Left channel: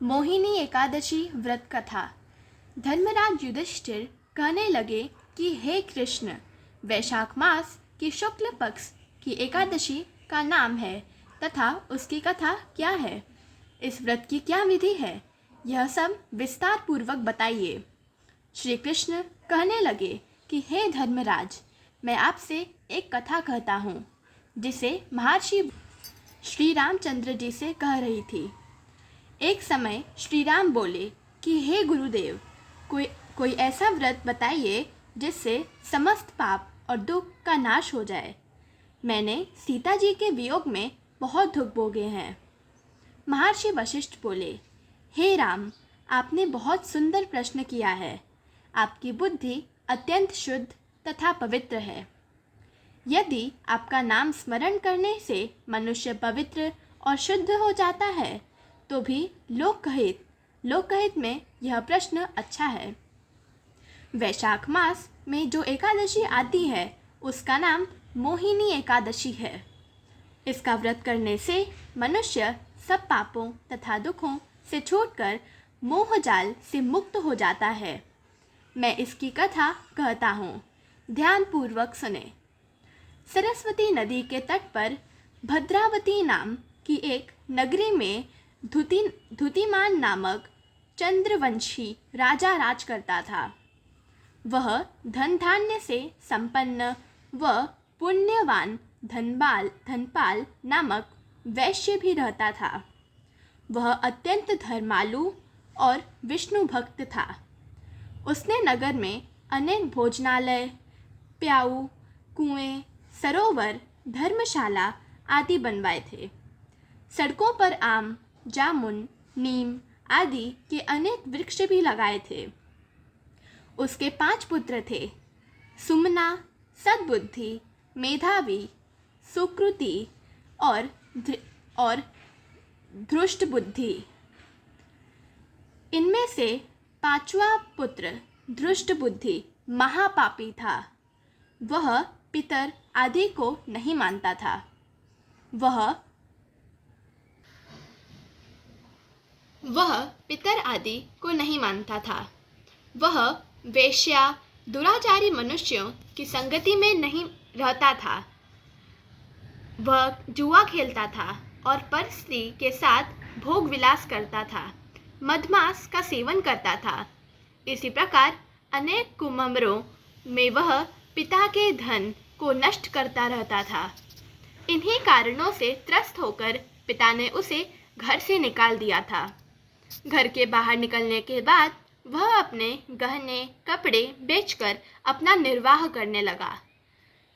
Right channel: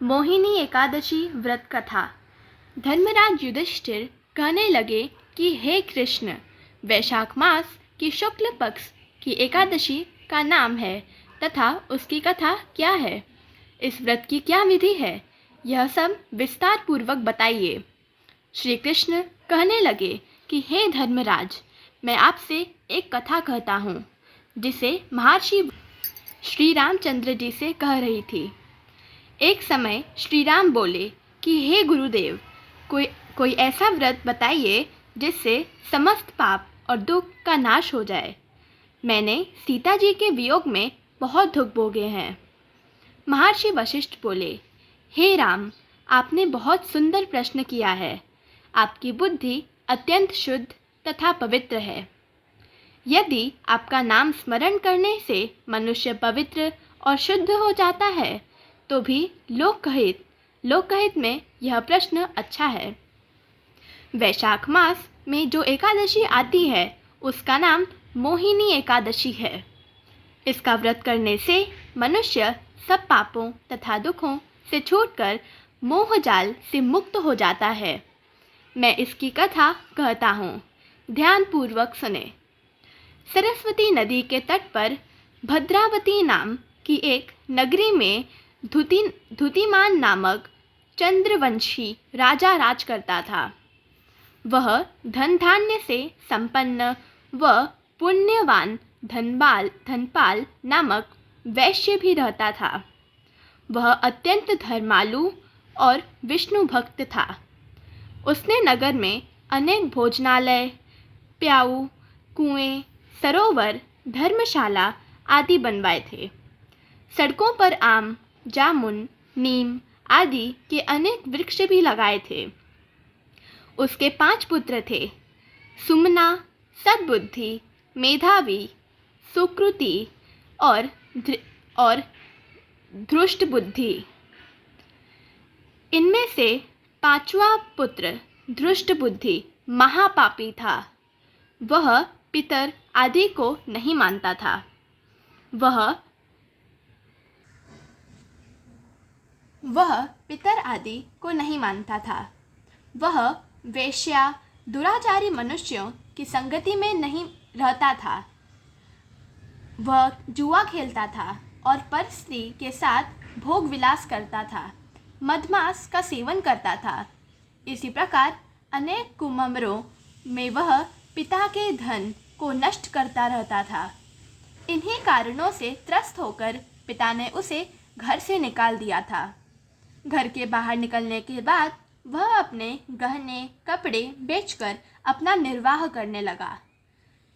मोहिनी एकादशी व्रत कथा। धर्मराज युधिष्ठिर कहने लगे कि हे कृष्ण, वैशाख मास की शुक्ल पक्ष की एकादशी का नाम है तथा उसकी कथा क्या है, इस व्रत की क्या विधि है, यह सब विस्तार पूर्वक बताइए। श्री कृष्ण कहने लगे कि हे धर्मराज, मैं आपसे एक कथा कहता हूँ जिसे महर्षि श्री रामचंद्र जी से कह रही थी। एक समय श्री राम बोले कि हे गुरुदेव, कोई ऐसा व्रत बताइए जिससे समस्त पाप और दुख का नाश हो जाए। मैंने सीता जी के वियोग में बहुत दुख भोगे हैं। महर्षि वशिष्ठ बोले, हे राम, आपने बहुत सुंदर प्रश्न किया है। आपकी बुद्धि अत्यंत शुद्ध तथा पवित्र है। यदि आपका नाम स्मरण करने से मनुष्य पवित्र और शुद्ध हो जाता है तो भी लोकहित में यह प्रश्न अच्छा है। वैशाख मास में जो एकादशी आती है उसका नाम मोहिनी एकादशी है। इसका व्रत करने से मनुष्य सब पापों तथा दुखों से छूटकर मोहजाल से मुक्त हो जाता है। मैं इसकी कथा कहता हूँ, ध्यानपूर्वक सुने। सरस्वती नदी के तट पर भद्रावती नाम की एक नगरी में धुतिमान नामक चंद्रवंशी राजा राज करता था। वह धन धान्य से संपन्न व पुण्यवान धनपाल नामक वैश्य भी रहता था। वह अत्यंत धर्मालु और विष्णु भक्त था। उसने नगर में अनेक भोजनालय, प्याऊ, कुएं, सरोवर, धर्मशाला आदि बनवाए थे। सड़कों पर आम, जामुन, नीम आदि के अनेक वृक्ष भी लगाए थे। उसके 5 पुत्र थे, सुमना, सद्बुद्धि, मेधावी, सुकृति और धृष्ट बुद्धि। इनमें से 5वां पुत्र धृष्ट बुद्धि महापापी था। वह पितर आदि को नहीं मानता था। वह वेश्या, दुराचारी मनुष्यों की संगति में नहीं रहता था। वह जुआ खेलता था और पर स्त्री के साथ भोग विलास करता था। मधमास का सेवन करता था। इसी प्रकार अनेक कुमम्मरों में वह पिता के धन को नष्ट करता रहता था। इन्हीं कारणों से त्रस्त होकर पिता ने उसे घर से निकाल दिया था। घर के बाहर निकलने के बाद वह अपने गहने कपड़े बेचकर अपना निर्वाह करने लगा।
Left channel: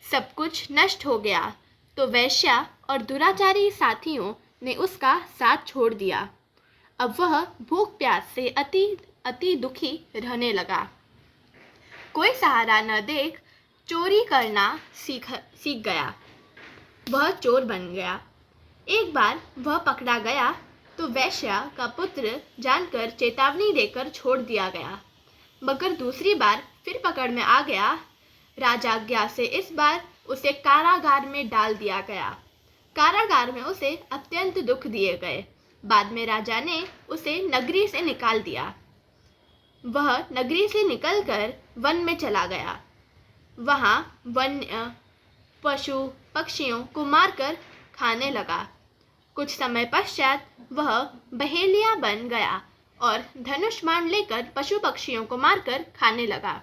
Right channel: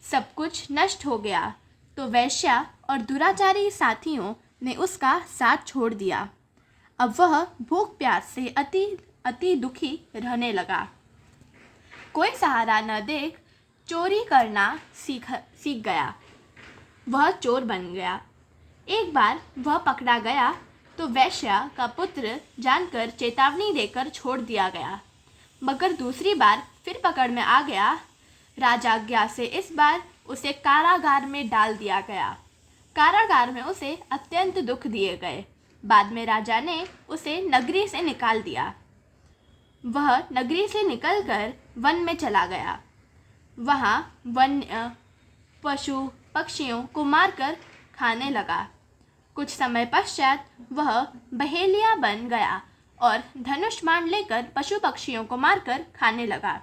सब कुछ नष्ट हो गया तो वेश्या और दुराचारी साथियों ने उसका साथ छोड़ दिया। अब वह भूख प्यास से अति दुखी रहने लगा। कोई सहारा न देख चोरी करना सीख गया। वह चोर बन गया। एक बार वह पकड़ा गया तो वैश्या का पुत्र जानकर चेतावनी देकर छोड़ दिया गया, मगर दूसरी बार फिर पकड़ में आ गया। राजाज्ञा से इस बार उसे कारागार में डाल दिया गया। कारागार में उसे अत्यंत दुख दिए गए। बाद में राजा ने उसे नगरी से निकाल दिया। वह नगरी से निकलकर वन में चला गया। वहाँ वन्य पशु पक्षियों को मारकर खाने लगा। कुछ समय पश्चात वह बहेलिया बन गया और धनुष बाण लेकर पशु पक्षियों को मारकर खाने लगा।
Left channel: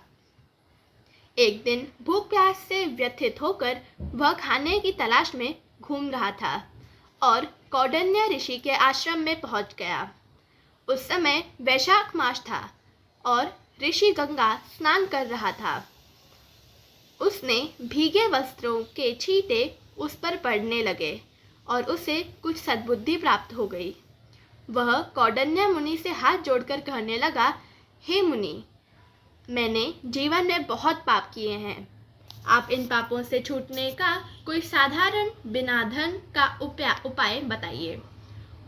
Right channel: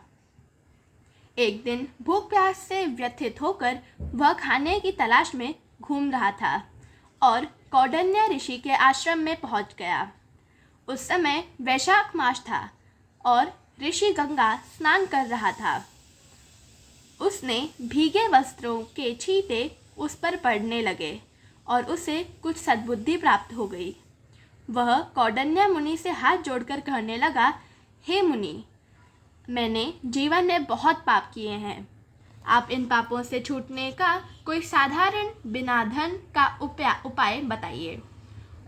एक दिन भूख प्यास से व्यथित होकर वह खाने की तलाश में घूम रहा था और कौंडिन्य ऋषि के आश्रम में पहुंच गया। उस समय वैशाख मास था और ऋषि गंगा स्नान कर रहा था। उसने भीगे वस्त्रों के छींटे उस पर पड़ने लगे और उसे कुछ सद्बुद्धि प्राप्त हो गई। वह कौंडिन्य मुनि से हाथ जोड़कर कहने लगा, हे मुनि, मैंने जीवन में बहुत पाप किए हैं। आप इन पापों से छूटने का कोई साधारण बिना धन का उपाय बताइए।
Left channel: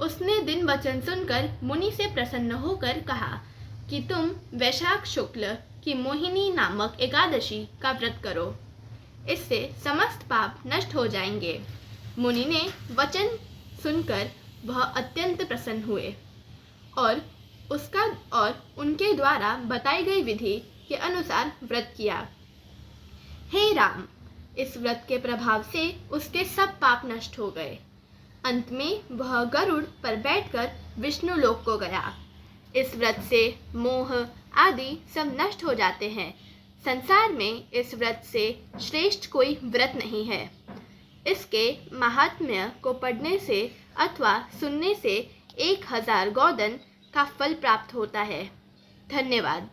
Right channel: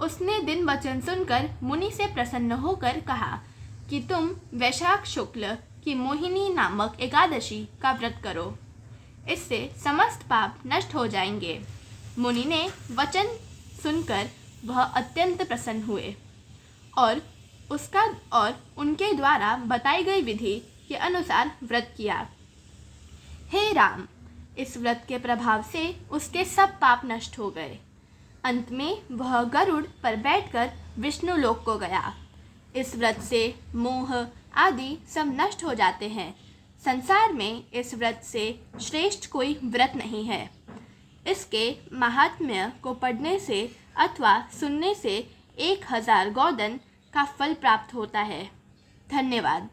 उसने दिन वचन सुनकर मुनि से प्रसन्न होकर कहा कि तुम वैशाख शुक्ल की मोहिनी नामक एकादशी का व्रत करो। इससे समस्त पाप नष्ट हो जाएंगे। मुनि ने वचन सुनकर वह अत्यंत प्रसन्न हुए और उनके द्वारा बताई गई विधि के अनुसार व्रत किया। हे राम, इस व्रत के प्रभाव से उसके सब पाप नष्ट हो गए। अंत में वह गरुड़ पर बैठकर विष्णु लोक को गया। इस व्रत से मोह आदि सब नष्ट हो जाते हैं। संसार में इस व्रत से श्रेष्ठ कोई व्रत नहीं है। इसके महात्म्य को पढ़ने से अथवा सुनने से 1000 गोदन का फल प्राप्त होता है। धन्यवाद।